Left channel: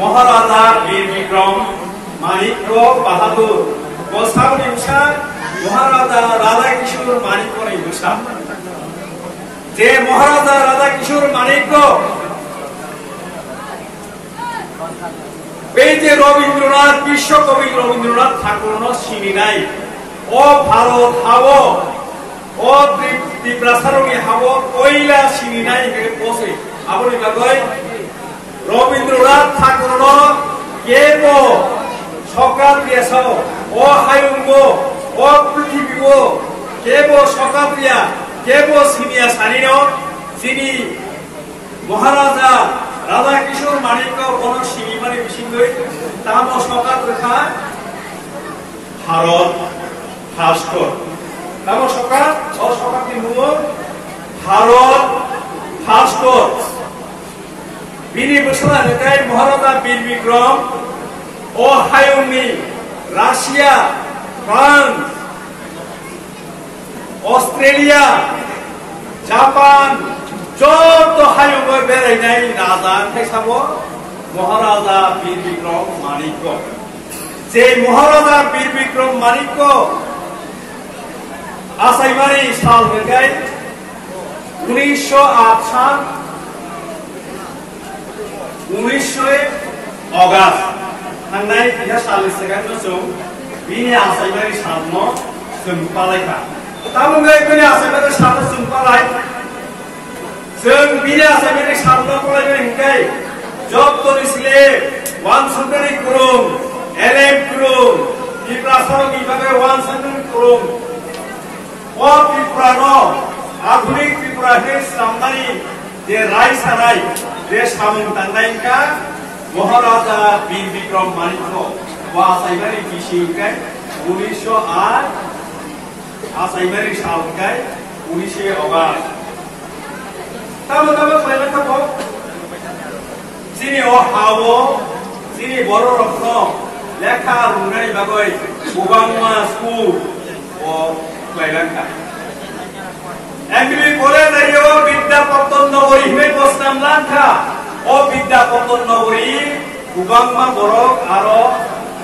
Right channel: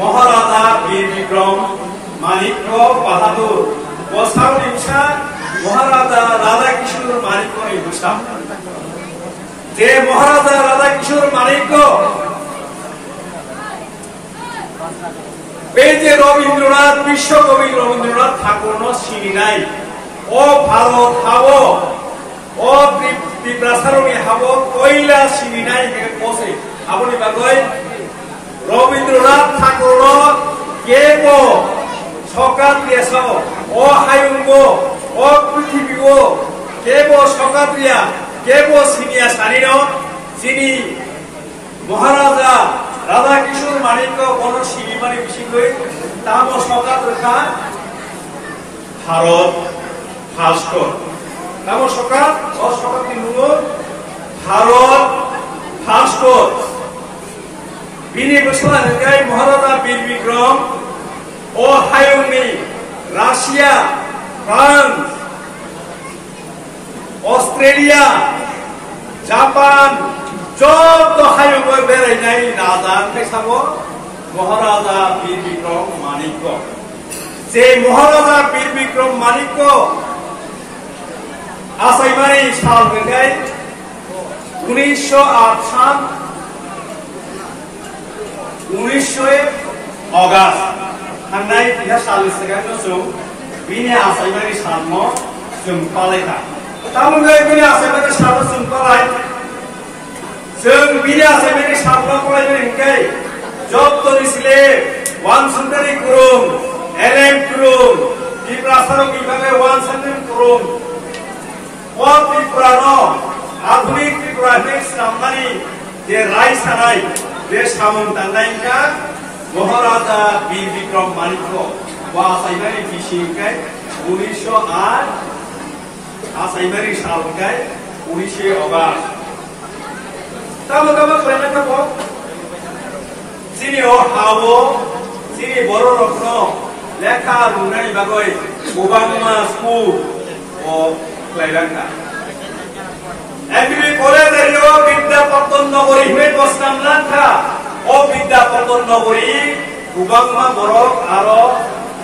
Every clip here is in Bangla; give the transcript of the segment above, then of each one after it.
महाराजा वीर विक्रम माणिक्य बाहादुर गोसाउनिसा महाराजा राधा किशोर माणिक्य निबुसा जे महाराजा राधा किशोर माणिक्य बेजे रवीन्द्रनाथ विश्वकवि रवीन्द्रनाथ ठाकुर सिनिनाय ओ भारत हावो ओ त्रिपुरासारनि हावो कोयला सिनिनाय हे पोसे आबनि बागै रवीन्द्रनाथ ठाकुर केबो सकात्रियास ओ हायुंगो ओ पृथ्वीगो केबो सकात्रिया केबो सिनिया सानिनो जिनि महाराजा राधा किशोर माणिक्य बन सिनिमानि बिसिङै तामो सकात्रिखा भारत भास्कर तामो सकात ओ सकात्रि मुङो भारत भास्कर बिनि बोसोरा होगाय महाराजा वीर विक्रम ओ हायुंनि रासिया फ्रांस अस्ट्रेलिया जापान जत हायुंग बेरायनाय राजा साबो महाराजा वीर विक्रम माणिक्य जे महाराजा वीर विक्रम माणिक्य आसायमानि साल होगाय 1908 सान 19 अगस्त थांनाय बिहा साल सिगांनो जों बिनि आसायमानि सानमो जों पालायखा तामुंगै बिनि आसायमानि सानमो जों पालाय जों बिनि आसायमानि सानमो पालायनो हिंखाय जत्तनि सिले वानसुन्दरी कुरुम एलएम कुरुम त्रिपुरासारं बिभागे वानसुन्दरी कुरुम ओ त्रिपुरानो आधुनिक त्रिपुरानि सामनानि जे राय सानाय जे सामुं दांनायका महाराजा वीर विक्रम माणिक्य वा आसायमानि बिसिंखाय 1908 आसायमानि सालखाय 19 अगस्त तामुगाबो फरायनाय थाबो जिनि हावो जिनि बर' रत्न लेखा रुनायनि बागै गोबांमा स्कुल ओ फरायलांखा एमबी कलेज एरिया विद्यापत्तन नगरी हिमे बसनाम लांखा ओ विद्यापत्तन नगरी गोबांमा बरक आरो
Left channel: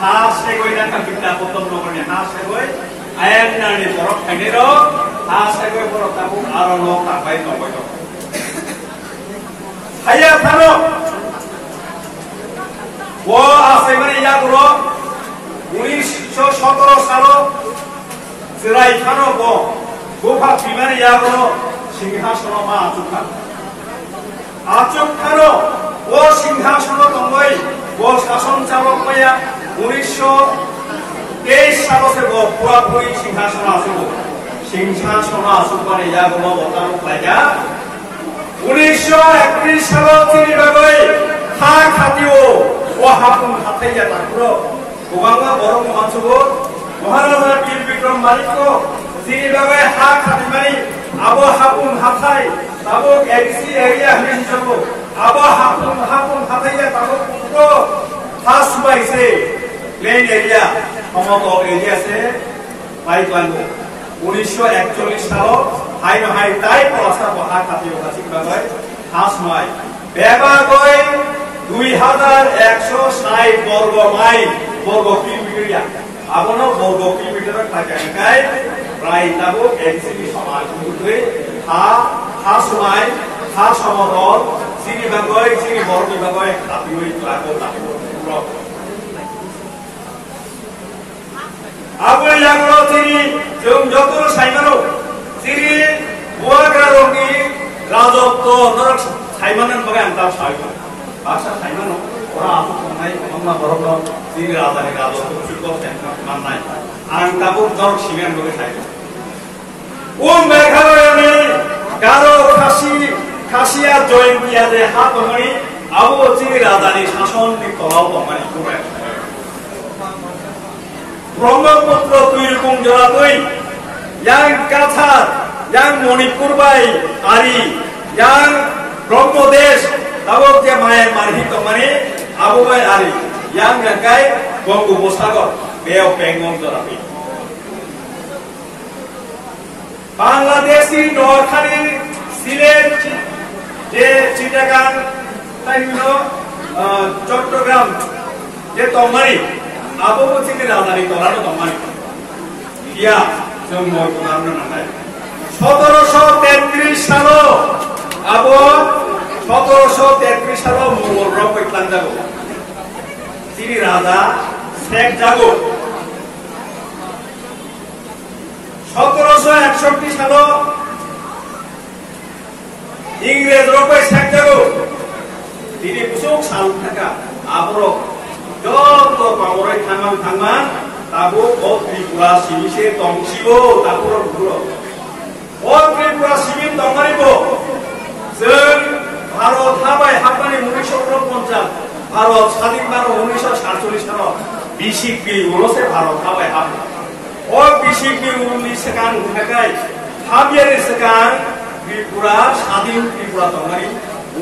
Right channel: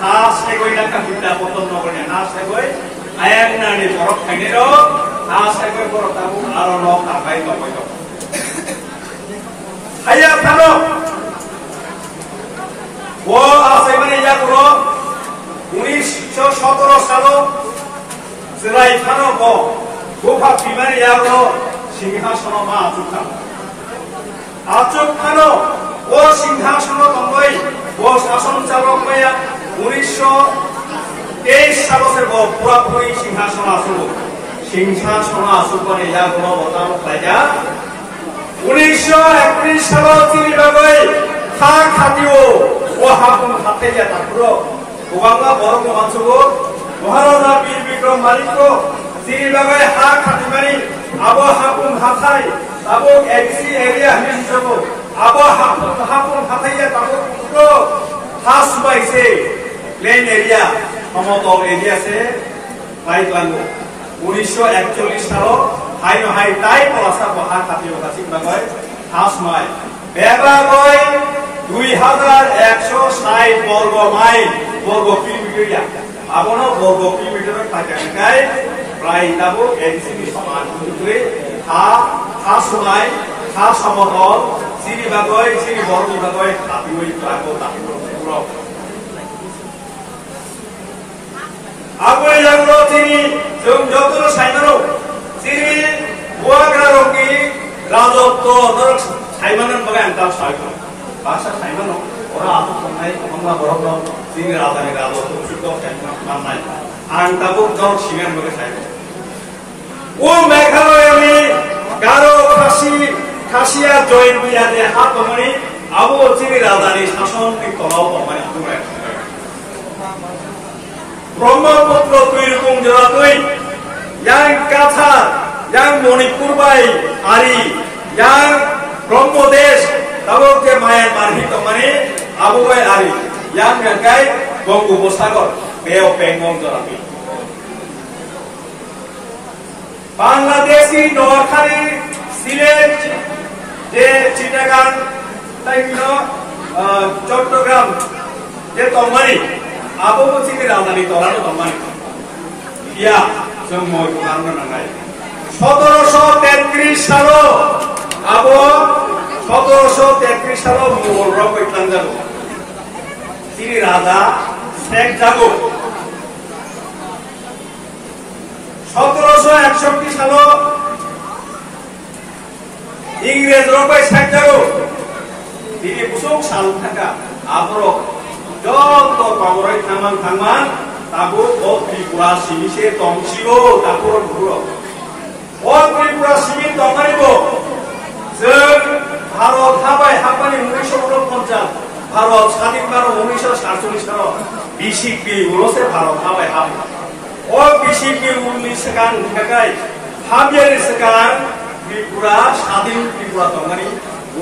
हा सायगय लांखा विद्यापत्तन नगरनि हा सायगय आयानानि बरक थाइनेर हा सायगय बरक ताबु आरो न ताबाय दबाय दं हाया थानो वो आसायमानि यागुनो 1917 सालो जिराय थानो वो गोफा बिमानि यागुनो सिंहासनो मा आचुखा आचुखानो वो सिंहासनो दंगै वो शासन चालक माया 1923 सालो से वो पूरा पूरी सिंहासन आचुबानि यागुनो बतानो लाया 1931 सालो जिनि बागै हा खातिओ वो हापुं हाथाइया ताकुरो गोबांगा बर' मानसिखौ महाराजा वीर विक्रम माणिक्य जिनि बागै हा खातिमानि आबो हापुं हाथाइ ताबो एलसी एरिया हिनसबो आबो हापुं हाथाइया ताबो पुरो हासबाइसे प्लेन एरिया समतल एरिया से पाइपांगो 1941 सालो हाइनो हाइ ताइ पलासा हा खातिओ गासिक बागै हासमाइ बेबागै 2160 वर्ग माइल वर्ग किलोमिटर आबनो वर्ग किलोमिटर पाइकाय प्राय ताबो एनसिनि समान दुगै हा समाय हा समतल जिनि बागै जिनि बरनि बागै खातिमै क्लाको ताबो पुरो Abu yang lo sini jeng jotul saimano sini buah kerajaan rajok to norok saimanan bagai antar saiko bahasa saimano orang aku kenai kemana borok sini raja ni rajok to cukup saiman nai arang tabuk norok simen bagai saiko Meghalaya ni Garo Khasiya join dia de hat omani Abu sini raja ni sason di tolau omani kurai Brahmaputra tuirkung jaratui yang Kathar, yang Manipur bai Ari, yang Brahmodesh, tabok dia mayan marhi tomani Abu bai Ari, yang gagai Bangopsagar, beo pengong jaratui. Bangladeshi Noakhali Silet, je Chittagong, Chattogram, je tomani. Abu pun sini ramadhan tolak tu teman. Iya, semua itu karena nangai. 1733 salo, Abu 1733 salo Mughal rok iklan jago. Sini raja Sheikh jago. 1761 salo Inggris rok Sheikh jago. Sini busuk sal thaka Abu rok. Jodoh panggorai taman tabu Tripura simise tongsibo tabu buro. Tripura simin tongaribo. Seng Bharat habai hapani 1949 Bharat স্বাধীন বারো 1947 সাল BCP উলসে Bharat habai hap. BCP উলনি সেকান থাকাই হাবিয়ারি সেকান Tripura স্বাধীন Tripura tongari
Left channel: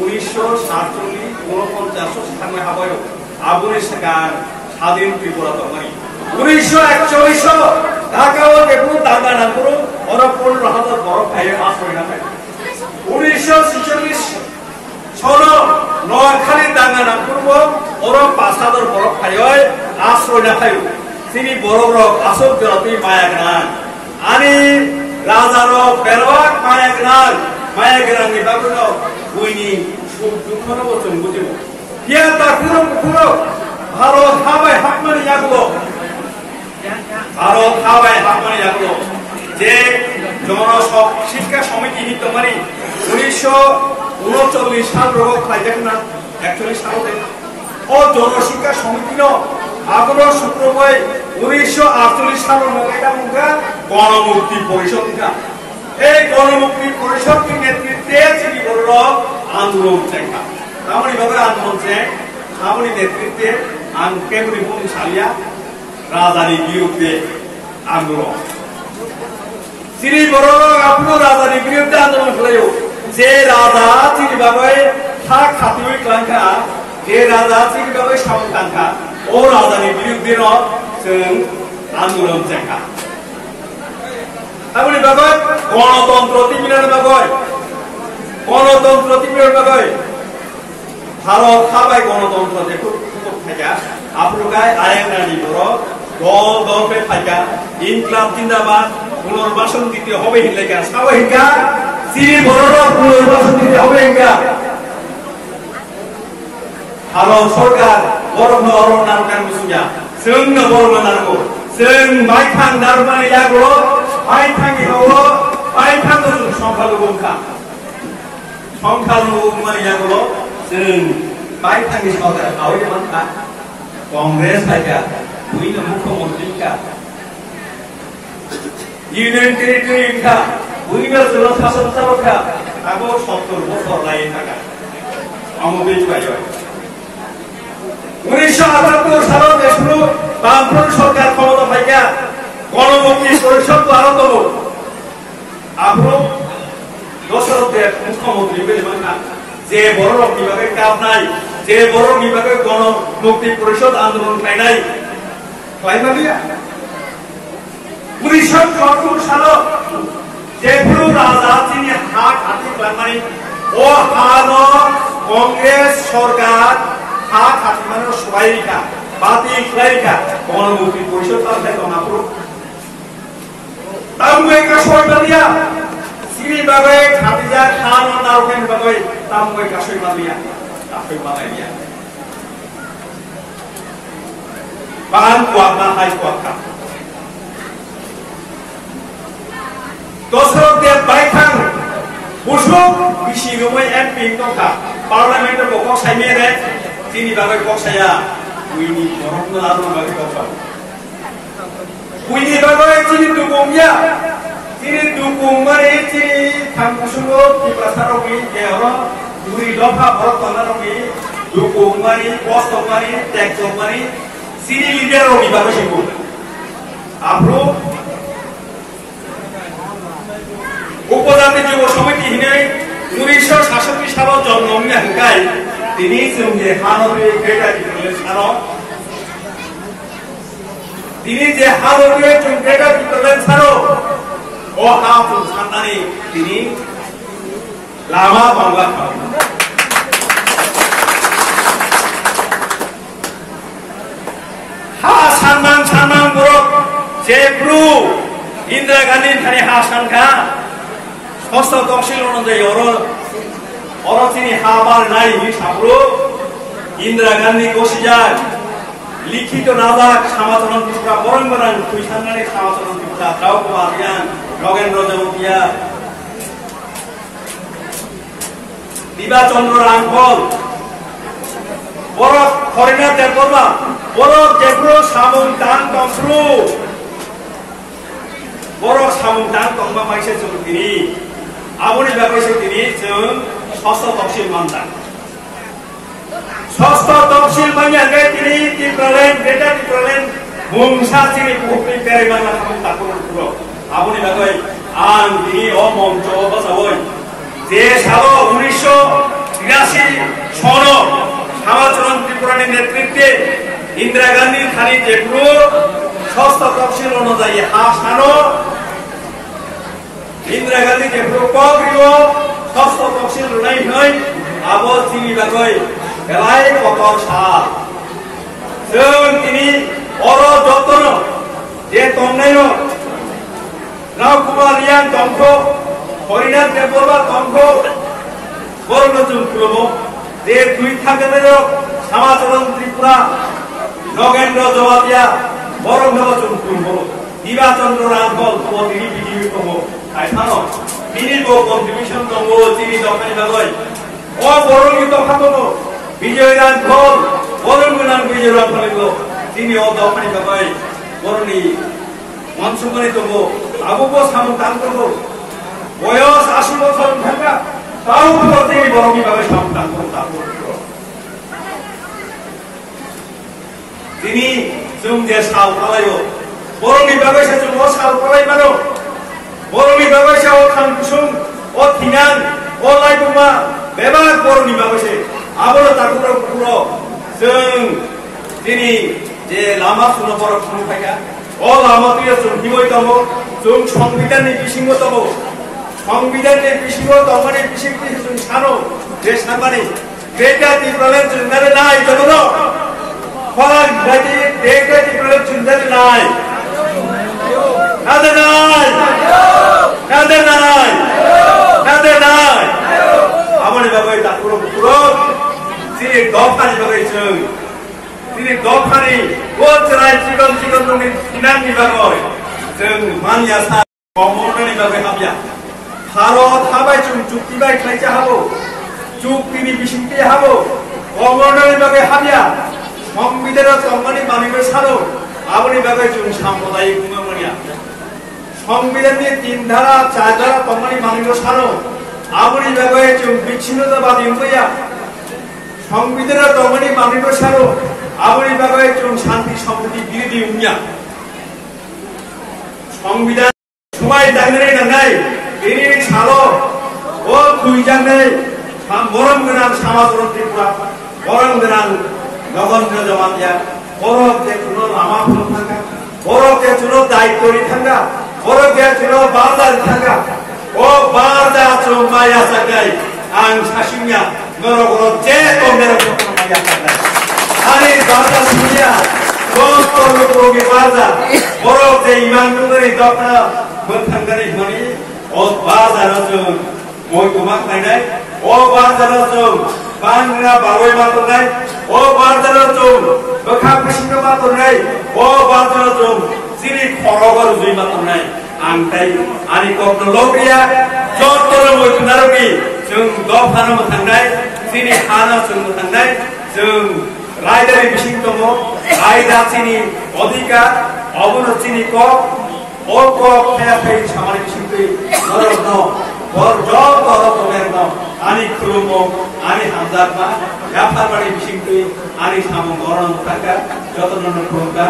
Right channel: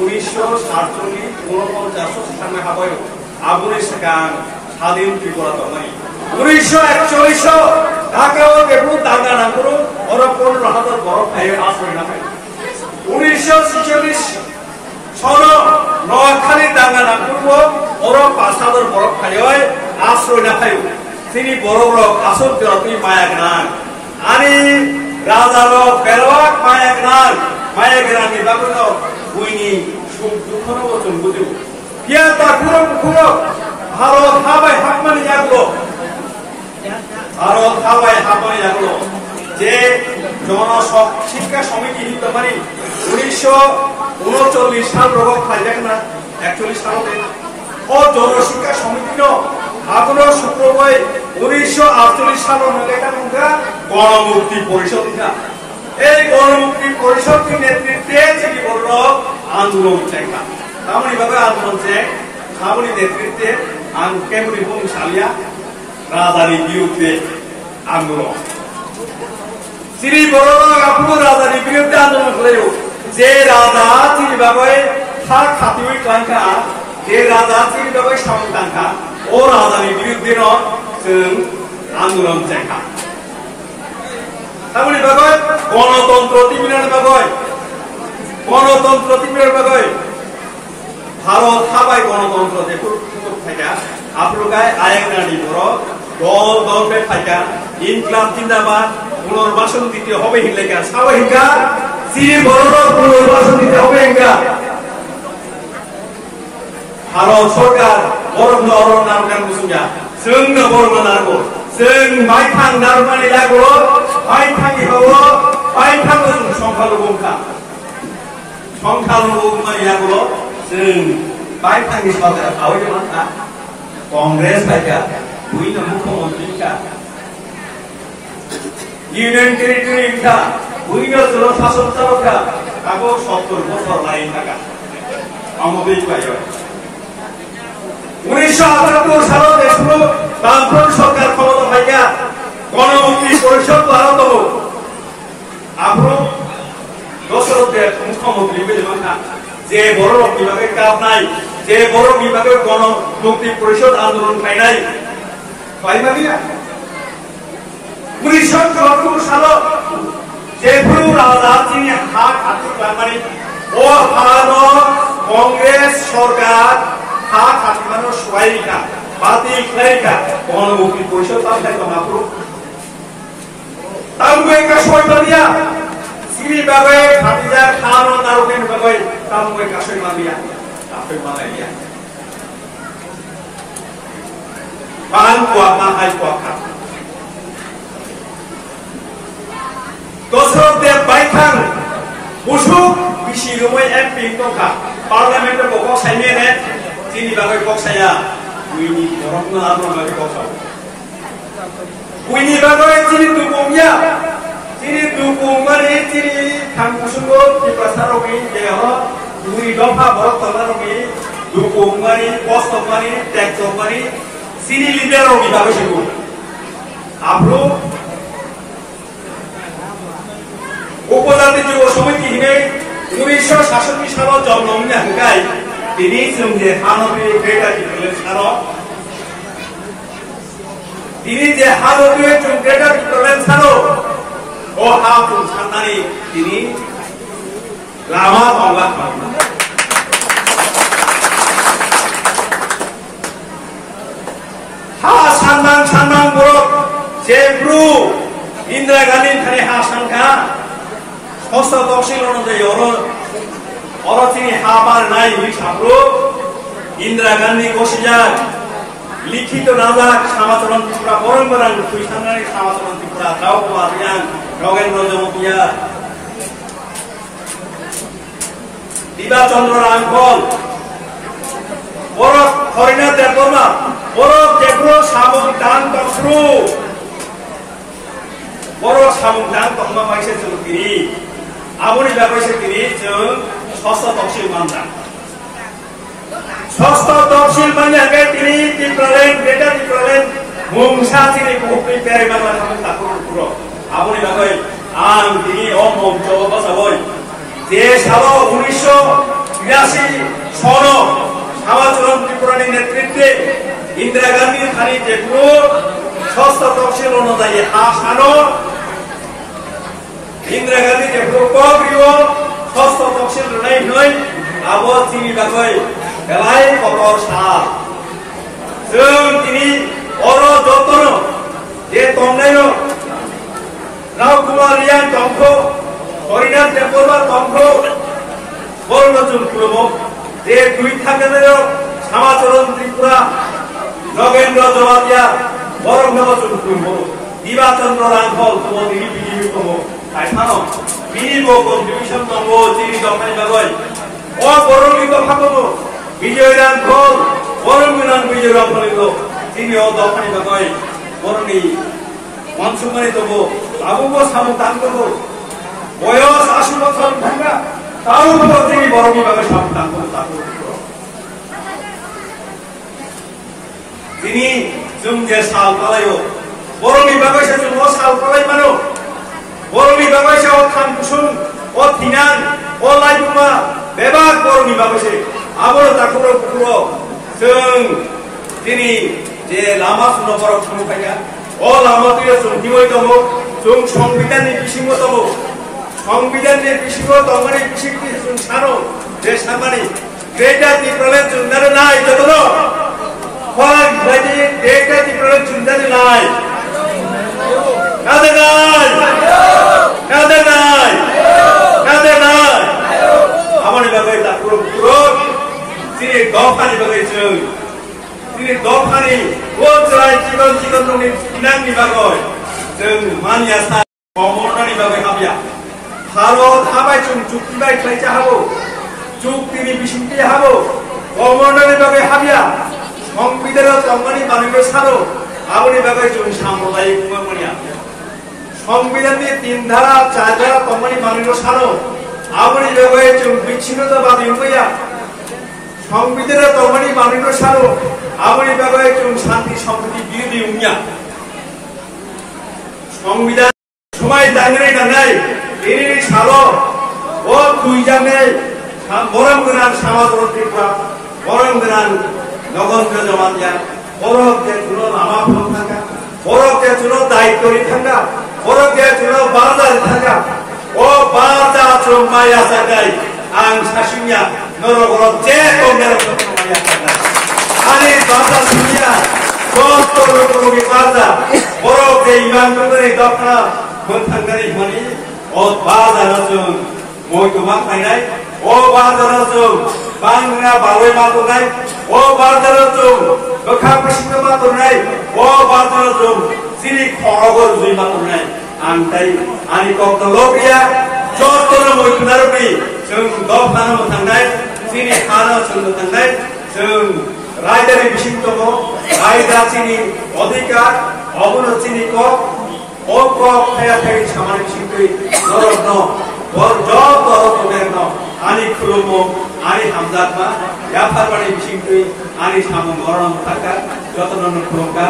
1947 49 সামনে হাবাই Abu sekarang hadir Tripura tomani. 1941 Dhaka और केवल दांगा नागुरु और अपन रहतर बरफ खाये आश्रय नापे. 1946 सोनो Noakhali दांगा नागुरु और पासादर बरफ खाये आश्रय नापायु. Sini borok asok jatuh mayakan. Ani raja ro berwak mayakan ni baguno. Buini sum dukhano bocong bujibu. Dia tak kurang Bharat habai hakmani jagulo. Bharat habai hakmani jagulo. Je জনসব শিক্ষা সমিতি হিতমানি 1939 সাল রোগ খাইজাক না 41 সালতে ও জনশিক্ষা সমিতি ন আগর শুক্রবার 1948 সাল নগেটা মুগা গণমুক্তি পরিষদ কা এই গণমুক্তি পরিষদের নেতৃত্বে যিনি বলল আন্দোলন চেখা তামনি ভাবে আন্দোলন চে সামনি নেতৃত্বে কেমনি বুম সালিয়া রাজধানী বিরুদ্ধে আন্দোলন শ্রী বড় আপনি রাজধানী বিরুদ্ধে আন্দোলন খেলাইও যে রাজা যিনি ভাবে হাক খাতিউই ক্লাঙ্কা যে রাজা যিনি ভাবে সামন্তাঙ্কা ও রাজধানী বিরুদ্ধে ন जों আন্দোলন চেখা তামনি ভাবে গণতন্ত্র তিমিনার ভাবে গণতন্ত্র তিমিনার ভাবে ভারত হাবাই গণতন্ত্র দেখো থাকা আপনার আয়েংনানি বড় দল দলপে থাকা ইনক্লাব জিন্দাবাদ পুনর্বাসন দিতে হবে হিলেকা সাবাহিকা শ্রী বড় পুনর্বাসন দিতে হবে হিঙ্গা ভারত সরকার বরং অরণ নারকান বুঝুঙ্গা जोंनो बर'नो नांगौ जों माइथां नारमानि जागौ माइथांनि बावो माइथां संखालु बुंखा संखालु बुंमानि जागौ जों माइथांनि सरकार आवै मानखा कांग्रेस फायका बुइनो मुख्यमंत्री का ইউনিয়ন টেরিটরি का বুইনো জল শাসন চালকা আগো 70 বছর লাগে থাকা আমবি পাইবা 1978 সালে দেশগুলো বামফ্রন্ট সরকার ক্ষমতা পাইয়া গণমুক্তি পরিষদ আরম্ভ হল আপনার দশরথের মুখ্যমন্ত্রী বেদমা যে বড় বিভাগের কাজ নাই যে বড় বিভাগের গণমুক্তি পরিষদ আন্দোলন পাই নাই পাইমালিয়া 1974 সালে যেগুলো রাজা তিনি হাত হাতে মানে ও হানো কংগ্রেস সরকার হাত হাতে মানে সবাইকা বাতি ক্লারিকা গণমুক্তি পরিষদ পাশে মাত্র তামুই কাশয় মালিয়া সিরি বাগে খাদিজা খান ও নারকেন বাগে তামুই কাশয় মালিয়া কাশয় মালাইয়া পান কোয়াকা high কোয়াকা Dosrok de baithang busuk bisi rumai MP tongka parliament ko kok sai mere tini bagai kok saya wini borok na adu bagai kok sa wini bagai tini dukungnya tini dukung mari tini thang busuko di prasaro bi ye ho wini dopa borok tanaro bi dukung mari post mari tax mari tini leader ro bi bagai siku apro উপজাতি যুব সমিতি হিনে 1966 সালত জন্ম হাঙ্কাই তিনি যে হানবি গ্রেটার ডিপ্রেলেন্স সানো তিনি যে হানবি গ্রেটার ডিপ্রেলেন্স সানো ও হাতুন সান্নানি তিনি লামা বাংলা হা সান্নাং বরক যে ব্রু ইন্দিরা গান্ধী থানি হা সানখা ষষ্ঠ তফসিল অনুযায়ী অরচিনি হাবার নাই সামরু ইন্দিরা গান্ধী কোশিজাক লিখিত নাজাক সামাচরণ ত্রিপুরা পরম্পরাং থুইসাননানি সামাচরণ ত্রিপুরা দ্রাউ কুমার রিয়াং নগেন্দ্র জমপিয়া দিবাচন্দ্র রাংফল বরফ হরিনাথ দেববর্মা বরফ জেগ্রো সামুং দান তফরু বরফ সামুং দান তংবা মাইসে जों তিনি 아무리 바보이새끼리 즉 ষষ্ঠ তফসিল মানতাম ষষ্ঠ তফসিল মানলে তিনি ত্রিপুরাল্যান্ড গ্রেটার ত্রিপুরাল্যান্ড মুংসা তিনি বুকুই পেরে বাংলা খামুং তাকুর পুরো 아무리 바보ই আং তিনি অমঞ্চ বসাবই যে সাল 1983 সন সমাজচরণ ত্রিপুরানি নেতৃত্বে ইন্দিরা গান্ধী খানি যে পুরো ষষ্ঠ তফসিল অনুযায়ী হাসানো ইন্দিরা গান্ধী যে প্রকল্পীয় ষষ্ঠ তফসিল রনাই নয় আবো চিনি বাগৈ বেলাই কতর সাল जों তিনি অর যতন যে তংনাইন রাও কুমার রিয়াং তংখ হরিনাথ দেববর্মা তংখ বর্ণ जों খুলব যে দুই থাকেন সমাচরণ ত্রিপুরা নগেন্দ্র জমাতিয়া বরং जों খুলব দিবাচন্দ্র রাংফল তো তিনি বিজয়ী কম আইসানো মিনিবো কন্ট্রিবিউশন দঙ্গো চিনি দখানি বাগৈ ও বরংনি দখা দঙ্গো বিজয় রাংফল বরংগনাং বিজয় রাংফলগো চিনি ও দখানি বাগৈ বরংনি মনসুমানি দঙ্গো আবুবো সামু তাংগো বয়স 80 বছর থাকা তাও তিনি বরংনি বাগৈ সামু তাংগো তিনি जों যে সাল পালাयो বরংনি বাগৈ जों ও সাল পালাই মানো বরংনি বাগৈসে ও খান কুসুম ও থিনাং ও লাইবুমা বেবাক বরংনি বাগৈসে আবল তাকুর পুরো जों তিনি যে লামা সুনো বরক সুনফাইকা ও লামা তুই जों হিমই দङ जों সংবিধানनि बिसिङाव दङ সংবিধানनि बिसिङाव दङनि बिसिङनि जों सानो যে সামানি গ্রেটার ত্রিপুরাল্যান্ড जों दारे नाय जतन फरान बायदि ग्रेटार ত্রিপুরাল্যান্ড जों दारे नाय नादे नाय नादे नाय नादे नाय आमानि बागै ताकुर पुरो তিনি দখানি বাগৈ जों তিনি দখানি ওজরাই চিকন চিকन दंनि सिनांनि बागै जों मानिया सा गमनानि बागै हाबिया भारत हाबाय जों चुक्तिबाय खालायजा हाबो चुक्तिनि बिसिंथि हाबो गमनानि बागै हाबिया সংবিধানের তংমানি মানিनो सारो आबनि बागै जों साम्प्रदायिक बुङो मानिया সংবিধানनि 3 धारा 4 धारा तंगमानि मानिनो सानो आबनि बागै जों बिच्छिन्नताबादी बुङैया সংবিধানের তংমানি মানিনো सारो आबनि बागै जों शान्ति सम्प्रति बिरोधी बुङिया সংবিধান समाय दांगरे दांनाय दिनैनि सालो ओ खुइजांनाय बरं गोनां समाजरन त्रिपुरा बरं गोनां नगेन्द्र जमातिया बरक जे जुनो लामा फुंखांगा बरक जे जुनो दायित्वनि थांगा बरक जे जुनो बारदानि थांगा ओ बारदा जों माया जागाय आं सासिनिया नरगर जे तंनेर जों माया जागाय आनि बारदा सुनिया दस्तर रोगि बारदा बरक जे इमान दुगनि दखना मोनथांगानि मनि ओ बारदा जों मयतमा फायनाय ओ बारदा जों बांना बावै मातनाय ओ बारदा जों बखा बिसिनो मातनाय ओ बारदा जों सिरि खरगर जुइ मातनाय आंथाय आनि ककनो लबिया जत्तनो मोयखनारनि जों दफानो थांनाय जोंनि हानो जोंनो थांनाय जों रायदारि बिसिं दङ रायदासिनि अधिकार अबनोसिनि कक फाया फाय सामानि बिसिंखै नरकनो बर जब दरकमेरनो आनि खुलुमो आनि हामजातमा याफारबानि बिसिंखै आनि सामु मरण थाखा जतननो खुलुमगा